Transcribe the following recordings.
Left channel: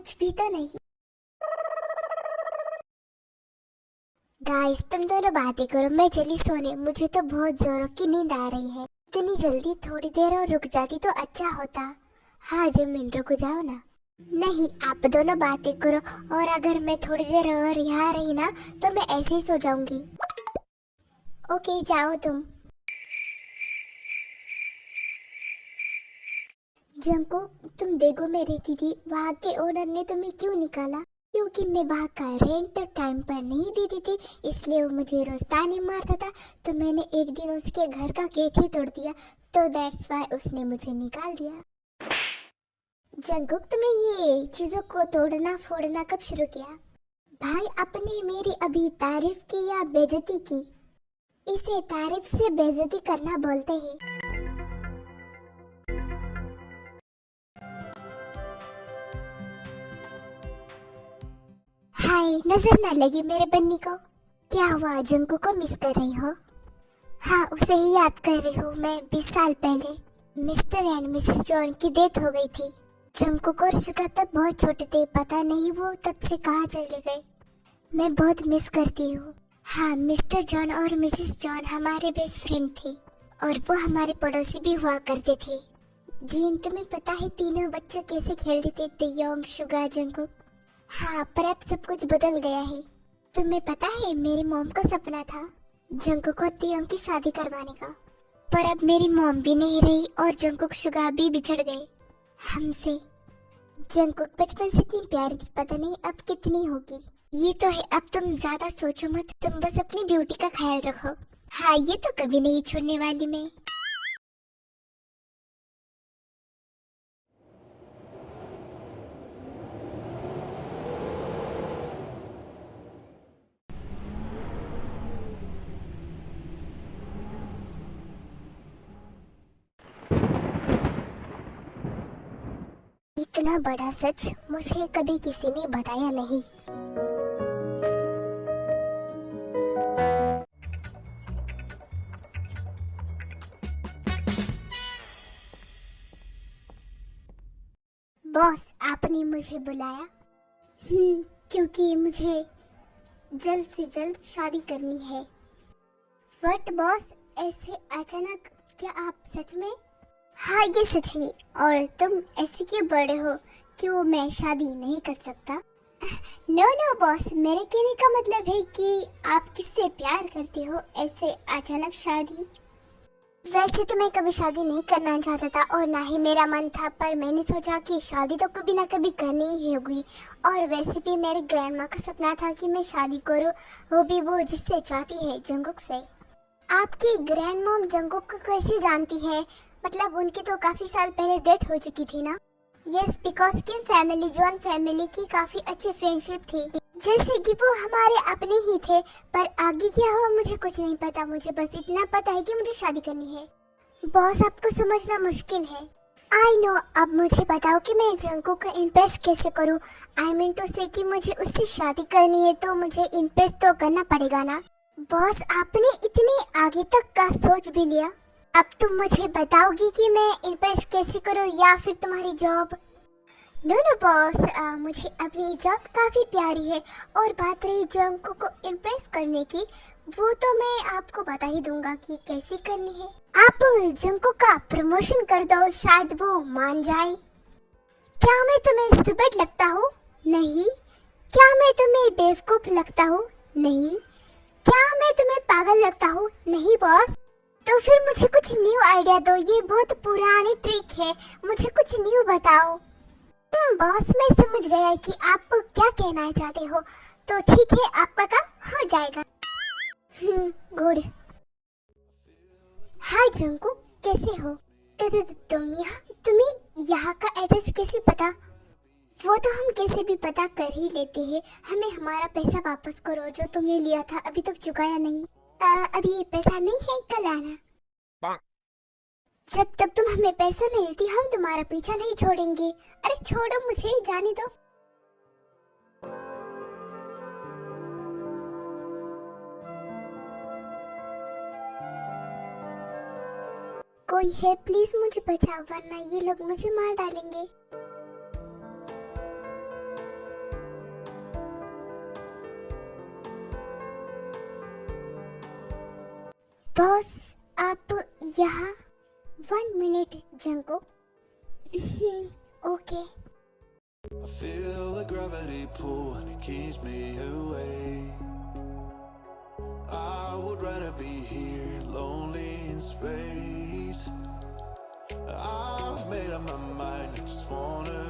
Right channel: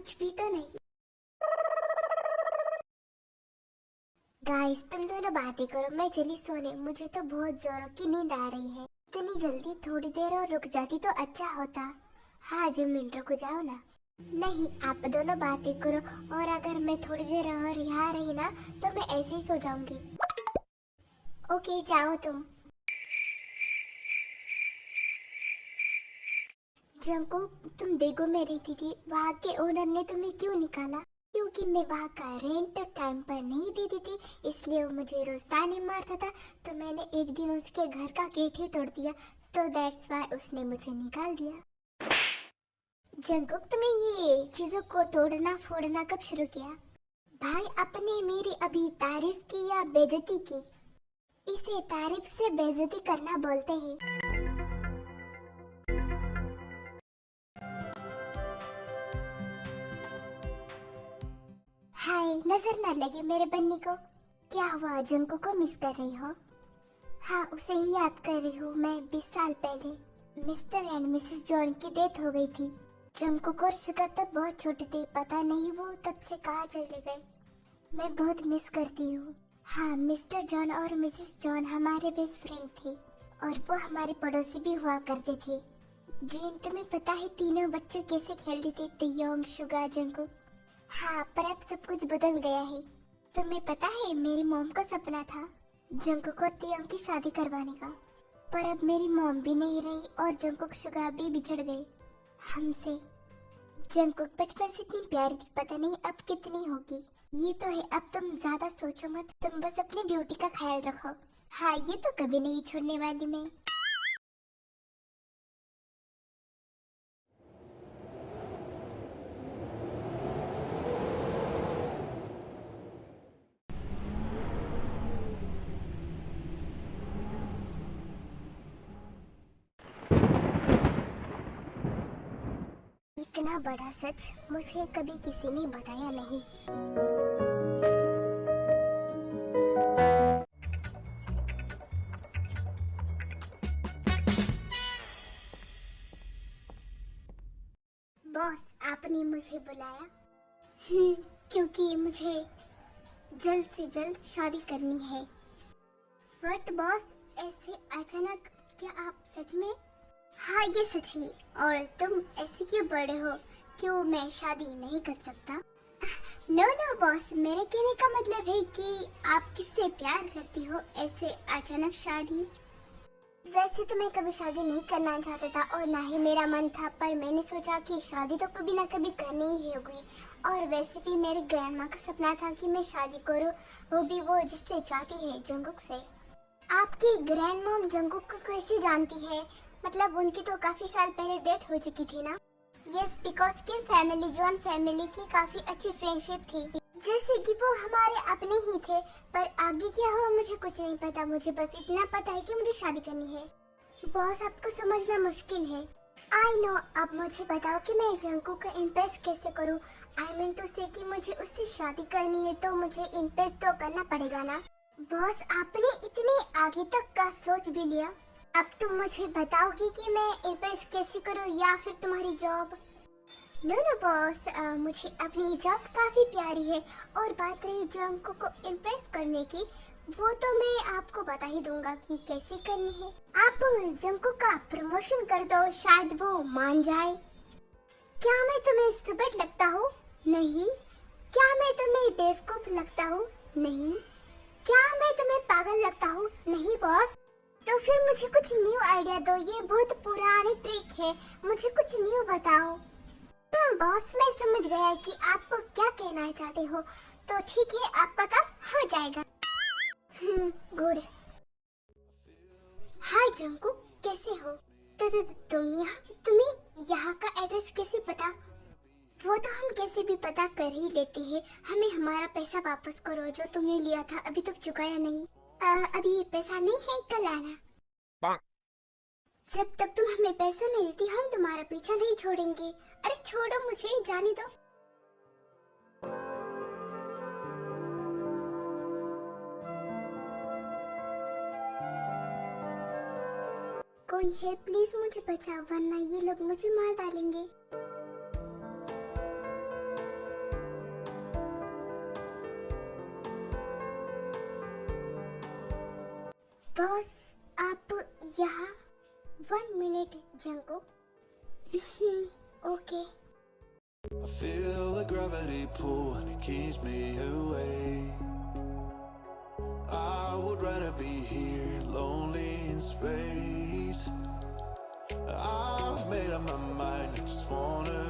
कुछ भी तो नहीं। गाइस तुम दोनों बातें करो, मैं चली सोने। मुझे तो बहुत जोरों की नींद आ रही है। इतनी जल्दी थोड़ी देर और रुक जाती तो अच्छा होता। हाँ मिनट रुक जाओ ना। नहीं, आप दोनों बातें करो, और अगर मैं थोड़ी देर और यहाँ रही ना तो मैं ऐसे ही सो जाऊंगी। ओके जाओ तुम। जंकुक, तुम देखो मेरी दीदी, वहाँ के ओनर ने तुम्हें क्यों निकाला? क्योंकि मैं वहाँ का रेंट टाइम पर नहीं देती थी, इसलिए वो मुझे रोज ताने मारता था। तो मैंने एक दिन उसके घर का गेट ही तोड़ दिया, तो दैट्स वाई उसने मुझे निकाल दिया। जंकुक, तुमने ये चीजों को तोड़ना फोड़ना कब शुरू किया? भाई, आपने मेरी अभी तारीफ की या बेइज्जती की? इसे तारीफ से बेइज्जती करना बोलते हैं। हाय, नजर ना लगी मेरे बन्नी को। क्या हुआ, जंकू को मिस कर रही हो? हाँ, उसे ही याद कर रही हूँ। मैं 20 साल पहले मिस्टर एंड मिसेस जॉन की डेथ हो गई थी। जंकुक और शिका तब बहुत छोटे थे, पता नहीं वो तब से कहाँ चले गए। मैं बहुत मिस करती हूँ। हाँ, मिस्टर जॉन और मिसेस जॉन हमारे बेस्ट फ्रेंड थे, और वो हमारे पड़ोसी भी हुआ करते थे। जीन, तुम्हें पता है तीनों बच्चे कैसे खेलते थे, तयोंग, शुगा, जंकुक? हाँ, पर अब सब कुछ बदल गया है। तुम्हें पता है मेरी मॉम का सपना था जंकुक और तियोंग की शादी करवाने का, पर अब मेरी मॉम भी नहीं रही और जंकुक शुगा भी बिछड़ गए हमसे। जंकुक बचपन से इतनी प्यारी थी, पता नहीं अब कितनी होगी। ये तो है, अब तुम ज्यादा सोचो मत, तुम बस अपनी ब्यूटी का ख्याल रखो। हाँ, ये तो कभी नहीं छोड़ने वाली मैं। इतना बड़ा सच मुझे कभी किसी ने बताया नहीं। बॉस, आपने मुझे बुलाया? क्योंकि मुझे जल्द से जल्द शादी करनी है। व्हाट बॉस, ऐसे अचानक? क्या आप सच में? हाँ, ये सच है। और तुम ऐसे क्यों बड़े हो? क्यों मैं शादी नहीं कर सकता? नो नो बॉस, मेरे कहने का मतलब है कि आप किससे प्यार करते हो, ऐसे अचानक शादी? वैसे तो मैं कभी शादी नहीं करना चाहता था और ना ही मेरा मन था, पर मैंने सोचा कि शादी तो कभी ना कभी करनी ही होगी। और वैसे भी मेरी ग्रैंड माँ का सपना था कि मैं शादी करूँ, वो भी वो जिससे चाहती है, जंगकुक से। आपकी ग्रैंड मॉम जंगकुक को कैसे जानती है? मतलब उनकी तो काफी साल पहले डेथ हो चुकी थी ना? Yes, because Kim family John family की काफी अच्छी फ्रेंडशिप थी, जैसे कि वो हमारे अपने ही थे। पर आगे क्या हो मुझे कुछ नहीं पता, मुझे बस इतना पता है कि मुझे शादी करनी है। बॉस, आपको समझना मुश्किल है। आई नो, अब मुझे बताओ कि मैं जंकुक को इम्प्रेस कैसे करूं? आई मीन टू से कि मुझे उससे शादी करनी है तो मुझे इम्प्रेस तो करना पड़ेगा ना। बॉस, आपने इतने आगे तक का सोच भी लिया? अब तुम मुझे बताओगी कि मैं इम्प्रेस कैसे करूं या फिर तुम्हारी जॉब? नो नो बॉस, मुझे अपनी जॉब काफी प्यारी है। और बात रही जंको को इम्प्रेस करने की, वो तो मैं आपको बता ही दूंगा कि कैसे करनी है। आप जंको का प्रमोशन कर दो, शायद वो मान जाए। क्या मैं तुम्हें स्टूपिड लगता हूँ? नहीं। क्या मैं तुम्हें बेवकूफ लगता हूँ? नहीं। क्या मैं तुम्हें पागल लगता हूँ? नहीं बॉस। तो फिर मुझे कुछ न्यू आइडिया दो, ये बहुत पुरानी ट्रिक है, मुझे कुछ न्यू बताओ। बॉस, मैं समझ गया कि आप क्या कहना चाहते हो, तो ठीक है, आपका काम हो जाएगा। गुड। हाय जंको, कैसे हो? तुम्हें यहाँ का एड्रेस कैसे पता? वो तो हम कैसे भी पता कर ही लेते हैं। हमें हमारा पैसा वापस करो जो तुमने लिया था, अभी तक चुकाया नहीं। अभी पैसा नहीं है, कल आना। जब तक तुम हमें पैसा नहीं देती हम तुम्हारा पीछा नहीं छोड़ेंगे। अरे छोड़ो, मुझे जाने दो। कोई है, प्लीज मुझे बचाओ, वरना ये लोग मुझे मार डालेंगे। बॉस आप यहाँ 1 minute Jungkook. Okay. I feel the gravity pull and it keeps me away. I would rather be here, lonely in space. I've made up my mind, I just wanna.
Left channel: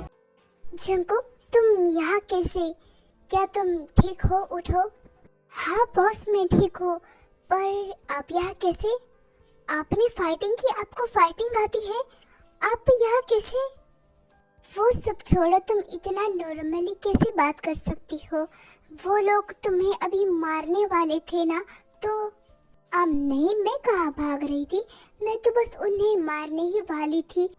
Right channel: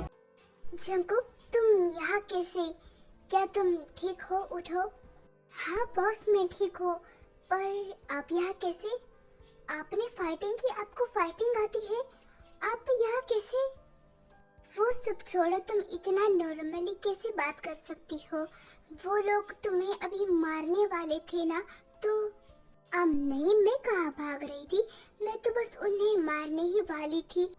Jungkook तुम यहाँ कैसे? क्या तुम ठीक हो? उठो। हाँ बॉस मैं ठीक हूँ, पर आप यहाँ कैसे? आपने फाइटिंग की, आपको फाइटिंग आती है, आप यहाँ कैसे? वो सब छोड़ो, तुम इतना नॉर्मली कैसे बात कर सकती हो? वो लोग तुम्हें अभी मारने वाले थे ना, तो नहीं, मैं कहाँ भाग रही थी, मैं तो बस उन्हें मारने ही वाली थी।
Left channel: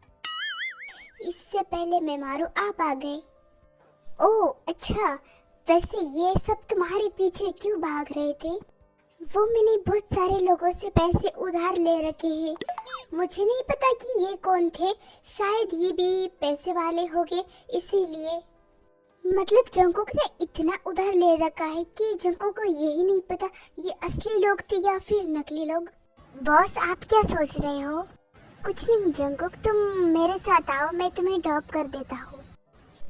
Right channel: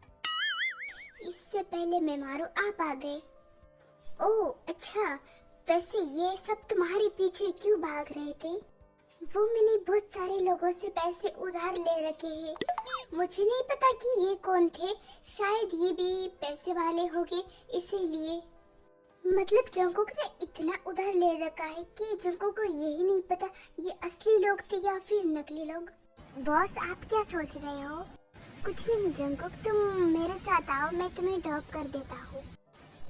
इससे पहले मैं मारूं, आप आ गए। ओह अच्छा, वैसे ये सब तुम्हारे पीछे क्यों भाग रहे थे? वो मैंने बहुत सारे लोगों से पैसे उधार ले रखे हैं, मुझे नहीं पता कि ये कौन थे, शायद ये भी पैसे वाले होंगे, इसीलिए। मतलब जंगकुक ने इतना उधार ले रखा है कि जंगकुक को यही नहीं पता ये असली लोग थे या फिर नकली लोग। बॉस आप क्या सोच रहे हो? कुछ नहीं जंगकुक, तुम मेरे साथ आओ, मैं तुम्हें ड्रॉप कर देता हूँ।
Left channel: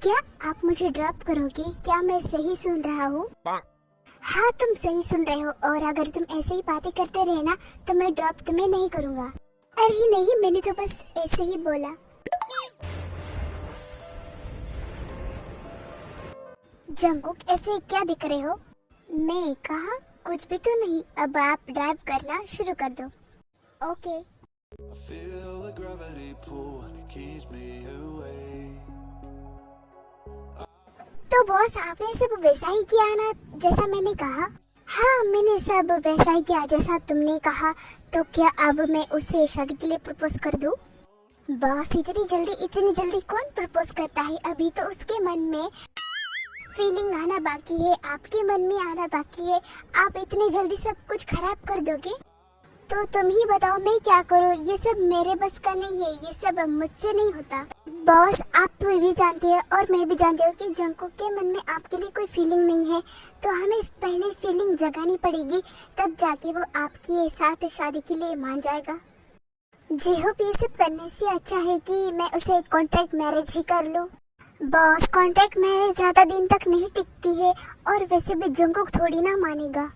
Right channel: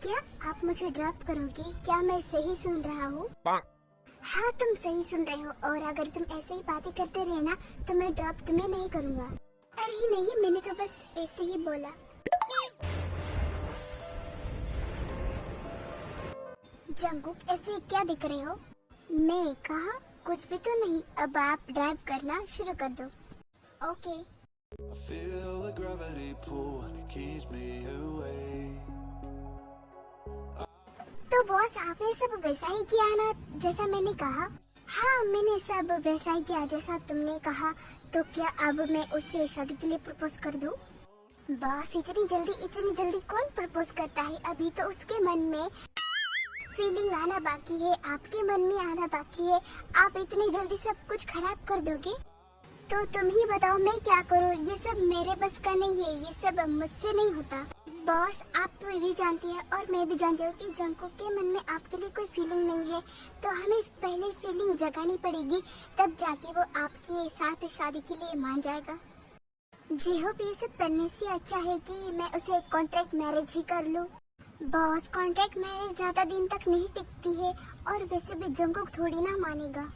क्या आप मुझे ड्रॉप करोगे? क्या मैं सही सुन रहा हूँ? हाँ तुम सही सुन रहे हो, और अगर तुम ऐसे ही बातें करते रहे ना तो मैं ड्रॉप तुम्हें नहीं करूँगा। अरे नहीं, मैंने तो बस ऐसे ही बोला। जंगकुक ऐसे क्या दिख रहे हो? मैं कहा कुछ भी तो नहीं, अब आप ड्राइव करना शुरू कर दो। Okay. I feel the gravity pull and it keeps me away. तो बॉस आपने सब वैसा ही किया ना जैसा मैंने कहा? हाँ मैंने सब वैसा ही किया जैसा तुमने कहा। तो क्या अब मैं उससे शादी के लिए प्रपोज कर दूं? बॉस इतनी जल्दी कौन प्रपोज करता है? अभी तो उसके मन में फीलिंग आना बाकी है, आपके मन में आना बाकी है। आप इतनी जल्दी सब कुछ खराब कर दोगे? तो तुम ही बताओ मैं क्या करूं? ये सब मेरे बस का नहीं है, ये सब मुझसे नहीं होता। बॉस आप भी जानते हैं और मैं भी जानती हूँ कि जंगकुक के मन में आपके लिए कोई फीलिंग नहीं है, तो हमें पहले फीलिंग जगानी पड़ेगी, तब जाके वो आपके साथ शादी के लिए मान जाएगा। जी होप ये सब करने से अच्छा है कि मैं उसे कॉन्ट्रैक्ट मैरिज ही कर लूं। बॉस कॉन्ट्रैक्ट मैरिज ज्यादा दिन तक नहीं टिकती है, और वैसे भी जंगकुक थोड़ी ना मानेगा।